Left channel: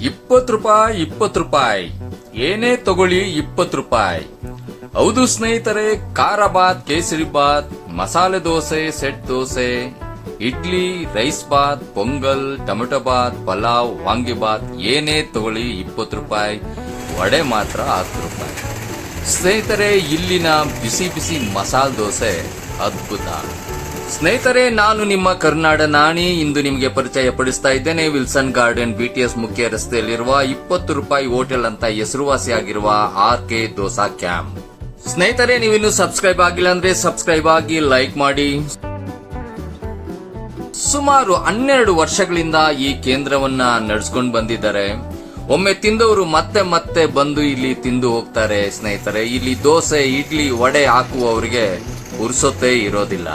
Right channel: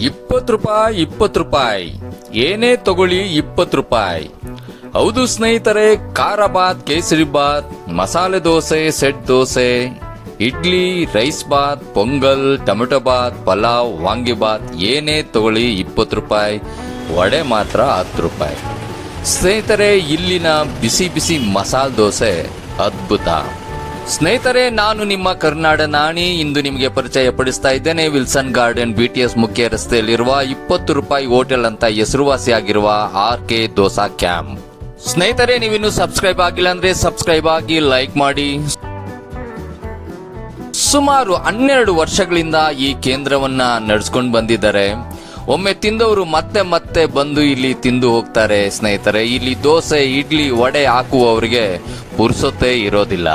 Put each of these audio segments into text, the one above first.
ಇಪ್ಪತ್ತು ರೂಪಾಯಿ ಇಪ್ಪತ್ತು ರೂಪಾಯಿ. ಏನೇ ತಗೊಳ್ಳಿ ಇಪ್ಪತ್ತು ರೂಪಾಯಿ. ಹೌದು ಸ್ನೇಹಿತರೆ ಖಾರ Baat kesari bath masala dosa, set dosa, idli, rice Baat pongal, tomato Baat pulao, ವಾಂಗಿ ಬಾತ್ ಏನೇ ತಗೊಳ್ಳಿ ಇಪ್ಪತ್ತು ರೂಪಾಯಿ. ವಡೆ ಮಾತ್ರ ಹತ್ತು ರೂಪಾಯಿ. ಸ್ನೇಹಿತರೆ, ಇಲ್ಲಿನ ಬಿಸಿ ಬಿಸಿ ಮಸಾಲೆ ದೋಸೆ ಅದ್ಭುತ. ಸ್ನೇಹಿತರೆ, ನಾನು ನಿಮ್ಮ ಕರ್ನಾಡ ನಾಣಿ. ಇಂದು ನಿಮಗೆ ಪರಿಚಯ ಪಡಿಸ್ತಾ ಇದ್ದೇನೆ. ವಿಲ್ಸನ್ ಗಾರ್ಡನ್ ಬಿಟಿಎಸ್ ಮುಖ್ಯ ರಸ್ತೆಯಲ್ಲಿರುವ ಇಪ್ಪತ್ತು ರೂಪಾಯಿ ಹೋಟೆಲ್ ಅಂತ ಹೆಸರುವಾಸಿಯಾಗಿರುವ ಆರ್ ಕೆ ದೋಸಾ ಕ್ಯಾಂಪ್. ಸ್ನೇಹಿತರೆ, ನೀವಿನ್ನು ಸಬ್ಸ್ಕ್ರೈಬ್ ಆಗಿಲ್ಲ ಅಂದ್ರೆ ಸಬ್ಸ್ಕ್ರೈಬ್ ಆಗಿ ಲೈಕ್ ಮಾಡಿ. ಸುಮಾರು ಹನ್ನೆರಡು ವರ್ಷಗಳಿಂದ ಈ ಕೇಂದ್ರವನ್ನ ನಡೆಸ್ಕೊಂಡು ಬಂದಿದ್ದಾರೆ. ಒಮ್ಮೆ ತಿಂದವರು ಮತ್ತೆ ಮತ್ತೆ ಬಂದು ಇಲ್ಲಿ ತಿಂದು ಹೋಗ್ತಾರೆ. ಸ್ನೇಹಿತರೆ, ಇಲ್ಲಿ ದೋಸೆ, ಇಡ್ಲಿ, ವಡೆ ಹಾಕುವವರಿಗೆ ಪುರ್ಸೊತ್ತೇ ಇರೋದಿಲ್ಲ.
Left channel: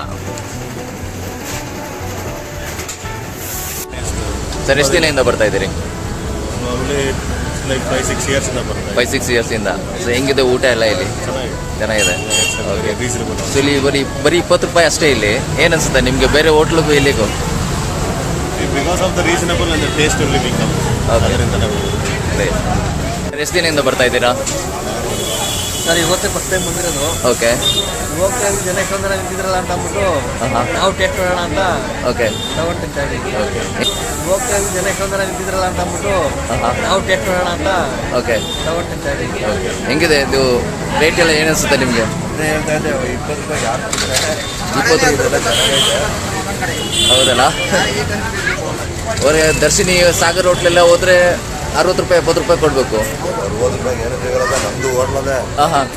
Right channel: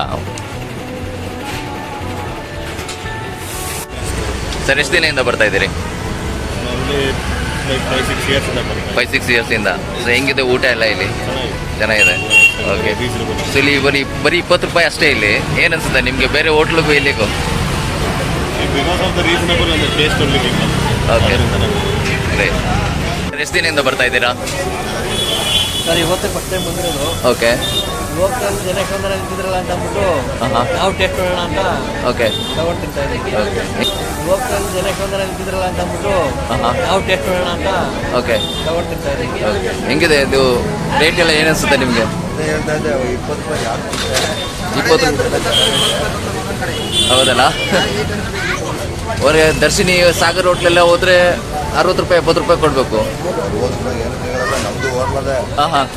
ಸರ್ ಎಷ್ಟು ದಿನದಿಂದ ಬರ್ತಾ ಇದ್ದೀರಿ? Normally like five six years ಇಂದ ಬರ್ತಾ ಫೈವ್ ಸಿಕ್ಸ್ ಇಯರ್ಸ್ ಇಂದ. ಸೊ ಹೆಂಗಿದೆ ಊಟ ಎಲ್ಲ ಇಲ್ಲಿ? ಚೆನ್ನಾಗಿದೆ. ಚೆನ್ನಾಗಿದೆ. ಓಕೆ ರೀಸನಬಲ್ ಸೊ ಇಲ್ಲಿ ಬರೀ ಬರೀ ಇಪ್ಪತ್ತು ರೂಪಾಯಿ ಅಷ್ಟೇ ಇಲ್ಲಿ. ಏನ್ ಅನ್ಸುತ್ತೆ ನಿಮಗೆ? ಬೇರೆ ಹೋಟ್ಲಿಗೂ ಇಲ್ಲಿಗೂ? Because of the reasonable and taste only become Okay. ಅದರಿಂದ ನಾವು ಎಷ್ಟು ದಿನದಿಂದ ಬರ್ತಾ ಇದ್ದೀರಾ? ಸರ್ ಇವತ್ತೇ ಫಸ್ಟ್ ಟೈಮ್ ಬಂದಿರೋದು. ಓಕೆ ಇವಾಗ ಜನ ಎಷ್ಟೊಂದು ಜನ ನಿಂತಿದ್ರಲ್ಲ ಅಂತ ಅಂದ್ಬಿಟ್ಟು. ನಾವು ಟೇಸ್ಟ್ ನೋಡೋಣ ಅಂತ ಓಕೆ ತಗೊಂಡು ತಿಂತಾ ಇದ್ದೀವಿ. ಓಕೆ ಇವಾಗ ಜನ ಎಷ್ಟೊಂದು ಜನ ನಿಂತಿದ್ರಲ್ಲ ಅಂತ ಅಂದ್ಬಿಟ್ಟು. ನಾವು ಟೇಸ್ಟ್ ನೋಡೋಣ ಅಂತ ಓಕೆ ತಗೊಂಡು ತಿಂತಾ ಇದ್ದೀವಿ. ಓಕೆ ಹೆಂಗಿದೆ ಇದು ರೇಟ್ ಎಲ್ಲ ಏನು ಅನ್ಸುತ್ತೆ ನಿಮಗೆ? ಇಪ್ಪತ್ತು ಹೌದಲ್ಲ? ಅವರೇ ದರ್ಶಿನಿ ಸಾಗರ್ ಹೋಟ್ಲೆಲ್ಲ ಹೋದ್ರೆ ಅರವತ್ತು ರೂಪಾಯಿ ಎಪ್ಪತ್ತು ರೂಪಾಯಿ ಕೊಡಬೇಕು. ಅರವತ್ತು ರೂಪಾಯಿ ಏನು ಸಿಗಲ್ಲ ನಮ್ದು ಹೋಟ್ಲದೆ ಹಾಂ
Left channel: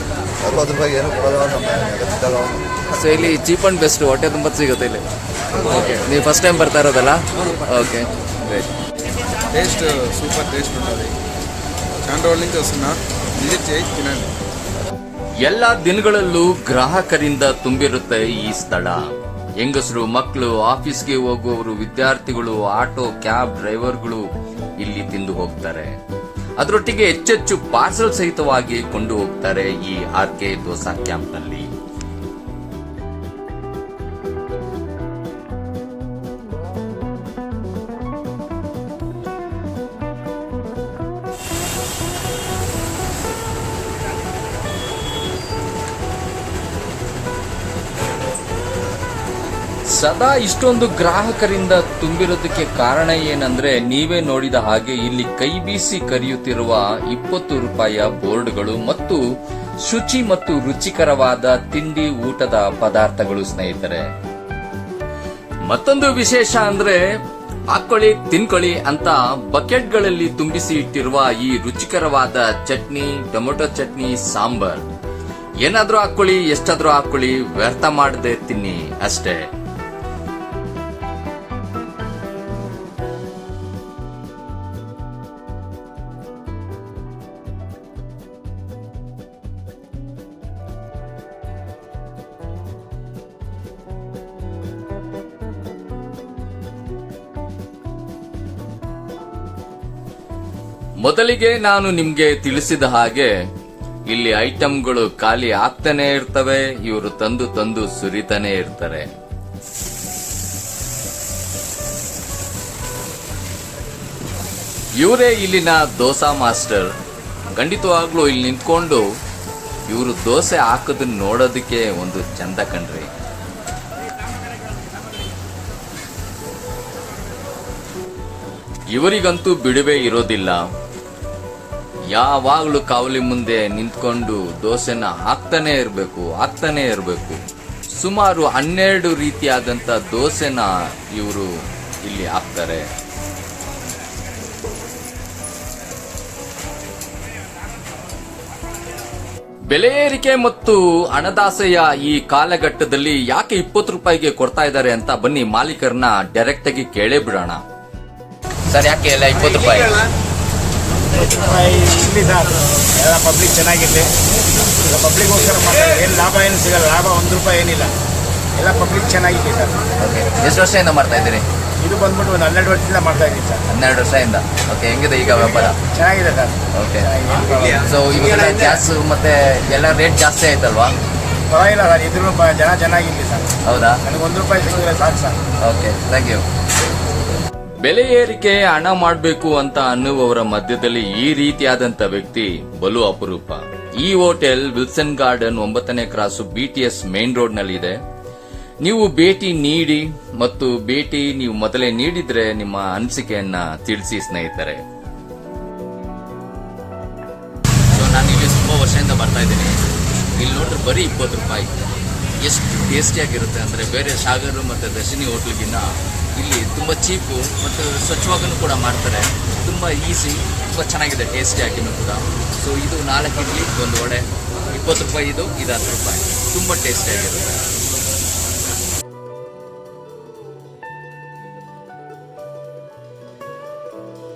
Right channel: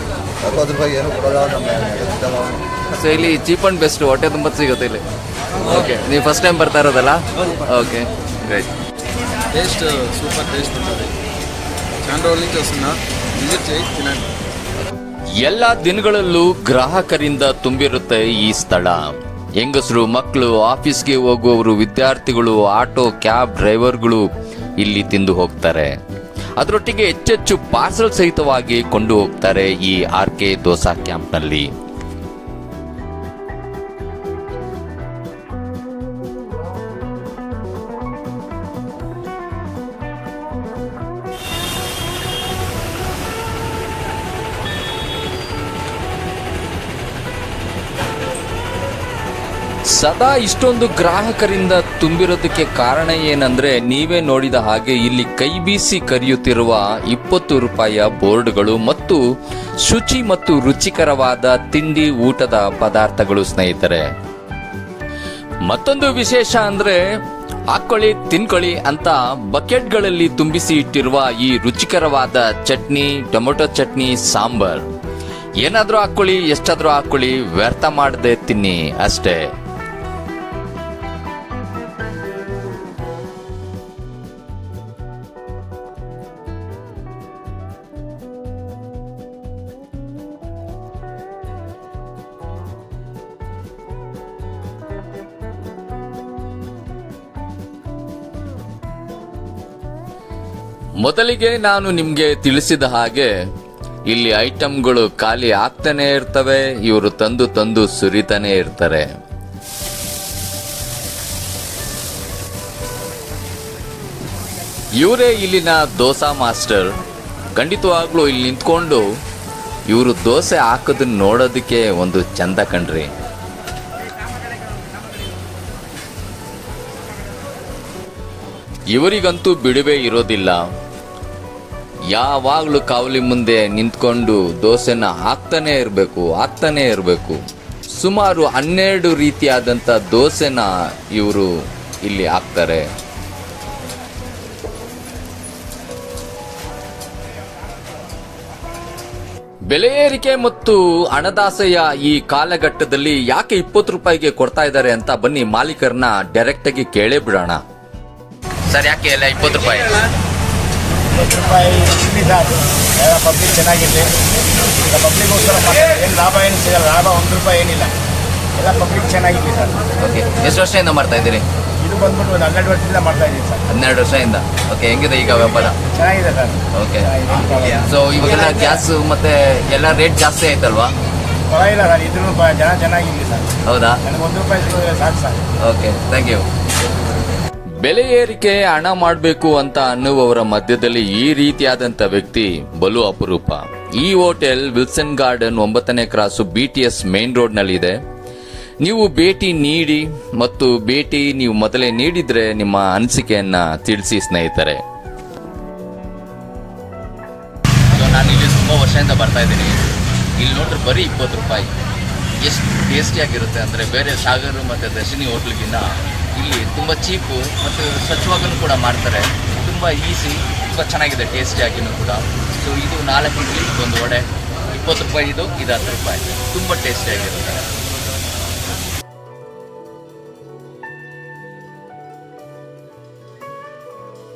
ಅದ್ರ ಬಗ್ಗೆ ಏನು ಸೊ ಇಲ್ಲಿ ಚೀಪ್ ಅಂಡ್ ಬೆಸ್ಟ್ ಹೊಟ್ಟೆ ತುಂಬ ಸಿಗುತ್ತೆ ಇಲ್ಲಿ. ಓಕೆ ನೀವು ಫಸ್ಟ್ ಟೈಮ್ ಬರ್ತಾ ಇರೋದಲ್ಲ? Okay great taste super taste ಎಲ್ಲ ದಿನಗಳಲ್ಲೂ ಗ್ರಾಹಕರಿಂದ ತುಂಬಿರುತ್ತೆ ಈ ಸ್ಥಳ. ಹೆಂಗಸರು ಮಕ್ಕಳು ಆಫೀಸ್ಗೆ ಹೋಗುವವರು ವಿದ್ಯಾರ್ಥಿಗಳು ಆಟೋ ಕ್ಯಾಬ್ ಡ್ರೈವರ್ಗಳು ಇಲ್ಲಿ ತಿಂದು ಹೋಗ್ತಾರೆ. ಅದರೊಟ್ಟಿಗೆ ಹೆಚ್ಚೆಚ್ಚು ಪಾರ್ಸಲ್ ಸಹಿತವಾಗಿ ಕೊಂಡು ಹೋಗ್ತಾರೆ ಈ ಆರ್ ಕೆ ದೋಸಾ ಕ್ಯಾಂಪ್ನಲ್ಲಿ. ಸದಾ ಇಷ್ಟೊಂದು ಗ್ರಾಹಕರಿಂದ ತುಂಬಿರೋದಕ್ಕೆ ಕಾರಣ ಏನಂದ್ರೆ ನೀವೇ ನೋಡಿದ ಹಾಗೆ ಇಲ್ಲಿ ಕೈ ಬೀಸಿ ಕರೆಯುತ್ತಿರುವ ಇಪ್ಪತ್ತು ರೂಪಾಯಿಯ ಬೋರ್ಡ್ಗಳು ಮತ್ತು ಶುಚಿ ಮತ್ತು ರುಚಿಕರವಾದ ತಿಂಡಿ ಊಟದ ಪದಾರ್ಥಗಳು ಸ್ನೇಹಿತರೆ. ಮತ್ತೊಂದು ವಿಶೇಷ ಅಂದ್ರೆ ಹಾಕೊಳ್ಳಿ ತಿನ್ಕೊಳ್ಳಿ ಅಂತ ಬಕೆಟ್ಗಳಲ್ಲಿ ತುಂಬಿಸಿ ಇಟ್ಟಿರುವ ಈ ರುಚಿಕರವಾದ ಚಟ್ನಿ, ಟೊಮೊಟೊ ಚಟ್ನಿ, ಸಾಂಬಾರ್. ಏನಾದ್ರೂ ಹಾಕೊಳ್ಳಿ ಎಷ್ಟಾದ್ರೂ ಹಾಕೊಳ್ಳಿ ವ್ಯರ್ಥ ಮಾಡದೆ ತಿನ್ನಿ ಅಷ್ಟೇ. ಮೊದಲಿಗೆ ನಾನು ನಿಮ್ಗೆ ತಿಳಿಸಿದ ಹಾಗೆ, ಇಲ್ಲಿ ಐಟಂಗಳು ಖಾಲಿ ಆಗ್ತಾನೆ ಇರ್ತವೆ, ಇವರು ತಂದು ತಂದು ಸುರಿತಾನೆ ಇರ್ತಾರೆ. ಇವರೇ ಇಲ್ಲಿನ ದೋಸಾ ಮಾಸ್ಟರ್. ಖಂಡಿತವಾಗ್ಲೂ ಇಲ್ಲಿ ನಿಂತ್ಕೊಂಡು ಇವರು ದೋಸೆ ಹಾಕೋದನ್ನ ನೋಡೋದಕ್ಕೆ ಒಂದು ಚಂದ ಕಣ್ರಿ. ಇವರಿಗಂತೂ ಬಿಡುವೆ ಇರೋದಿಲ್ಲ. ಯಾವಾಗ್ಲೂ ಕಾವಲಿ ಮುಂದೆ ನಿಂತ್ಕೊಂಡು ದೋಸೆನ ಹಾಕ್ತಾನೆ ಇರಬೇಕು ಹಾಕ್ತಾನೆ ಇರಬೇಕು. ಸುಮಾರು ಹನ್ನೆರಡು ರೀತಿಯಾದಂಥ ದೋಸೆನ ಇವರು ಇಲ್ಲಿ ಹಾಕ್ತಾರೆ. ಬೆಲೆ ಏರಿಕೆ ಮತ್ತು ಹಣದಾಸೆಯ ಈ ಕಾಲಘಟ್ಟದಲ್ಲಿ ಯಾಕೆ ಇಪ್ಪತ್ತು ರೂಪಾಯಿಗೆ ಕೊಡ್ತಾ ಇದ್ದಾರೆ ಅಂತ ಬನ್ನಿ ಮಾಲೀಕರನ್ನ ಡೈರೆಕ್ಟ್ ಆಗಿ ಕೇಳೇ ಬಿಡೋಣ. ಸರ್, ಯಾಕೆ ಎಲ್ಲ ಇಪ್ಪತ್ತು ರೂಪಾಯಿ? ಇಪ್ಪತ್ತು ರೂಪಾಯಿ ಇಲ್ಲಿ ಸಾಕು ಎಲ್ಲ ಪಬ್ಲಿಕ್ ಚೆನ್ನಾಗಿರಲಿ ಈಗ ಪಬ್ಲಿಕ್ಗೋಸ್ಕರ ಏನು ಲಾಭ ಏನು ಸಿಗಲ್ಲ. ಲಾಭ ಒಂದು ರೂಪಾಯಿ ಏನಿಲ್ಲ. ಎಲ್ಲ ಪಬ್ಲಿಕ್ ಚೆನ್ನಾಗಿರಲಿ ಸರ್. ಓಕೆ ಎಷ್ಟು ವರ್ಷದಿಂದ ಮಾಡ್ತಾ ಇದ್ದೀರಿ? ಇದು ಬಂದ್ಬಿಟ್ಟು ಒಂದು ಹನ್ನೆರಡು ವರ್ಷದಿಂದ ಮಾಡ್ತಾ ಇದ್ದೀನಿ ಸರ್. ಹನ್ನೆರಡು ವರ್ಷದಿಂದ. ಓಕೆ ಹೆಂಗಿದೆ ಈಗ ವ್ಯಾಪಾರ? ಚೆನ್ನಾಗಿದೆ ಸರ್. ಓಕೆ ಚೆನ್ನಾಗಿದೆ, ಸೊ ಇವಾಗೆಲ್ಲ ಗ್ಯಾಸ್ ಮತ್ತೆ ಎಲ್ಲ ರೇಟ್ ಜಾಸ್ತಿ ಆಯ್ತಲ್ವಾ? ಪರವಾಗಿಲ್ಲ ಸರ್. ಇದ್ರೂ ಜನ ಚೆನ್ನಾಗಿರಲಿ ಸರ್. ಹೌದಾ? ನನಗೆ ಒಂದು ರೂಪಾಯಿ ಸಿಕ್ಕಿದ್ರೆ ಸಾಕು ಸರ್. ಓಕೆ ಥ್ಯಾಂಕ್ ಯು ಬೆಲೆ ಏರಿಕೆ ಹಣ ಮಾಡಬೇಕು ಅಂತ ಅನ್ನುವವರ ಮಧ್ಯದಲ್ಲಿ ಈ ರೀತಿಯಾದಂತ ವ್ಯಕ್ತಿ ಬಲು ಅಪರೂಪ. ಈ ಹೋಟೆಲ್ ವಿಲ್ಸನ್ ಗಾರ್ಡನ್ ಒಂಬತ್ತನೇ ಕ್ರಾಸು ಬಿಟಿಎಸ್ ಮೇನ್ ರೋಡ್ ನಲ್ಲಿದೆ ನೀವು ಭೇಟಿ ನೀಡಿ ಮತ್ತು ಭೇಟಿ ನೀವು ಮೊದಲೇ ನೀಡಿದ್ರೆ ನಿಮ್ಮ ಅನಿಸಿಕೆಯನ್ನ ತಿಳಿಸಿ ಸ್ನೇಹಿತರೆ. ನಾನು ಇಲ್ಲಿ ತುಂಬ ವರ್ಷದಿಂದ ಬರ್ತಾ ಇದ್ದೀನಿ. ಇಲ್ಲಿ ನೋಡಿದ್ರೆ ಬರೀ ಇಪ್ಪತ್ತು ರೂಪಾಯಿ. ಎಷ್ಟು ಟೇಸ್ಟಿಯಾಗಿರುತ್ತೆ ಅಂದರೆ ಬೇರೆ ಸಾಗರ್ ಮತ್ತು ದರ್ಶಿನಿ ಹೋಟ್ಲಿಗಿನ್ನ ಇಲ್ಲಿ ತುಂಬ ಚೀಪು ಮತ್ತು ಸ್ವಚ್ಛವಾಗೂ ಕೂಡ ಮಾಡ್ತಾರೆ. ತುಂಬ ಈಸಿ ತುಂಬ ಚೆನ್ನಾಗಿದೆ ಟೇಸ್ಟಿಯಾಗಿನೂ ಕೂಡ. ಸೊ ಇದು ನಾಲ್ಕು ಇಡ್ಲಿ, ಒಂದು ವಡೆ. ಇಪ್ಪತ್ತು ರೂಪಾಯಿ ಇದು ಇದು ಹತ್ತು ರೂಪಾಯಿ. ತುಂಬ ಟೇಸ್ಟಿಯಾಗಿರುತ್ತೆ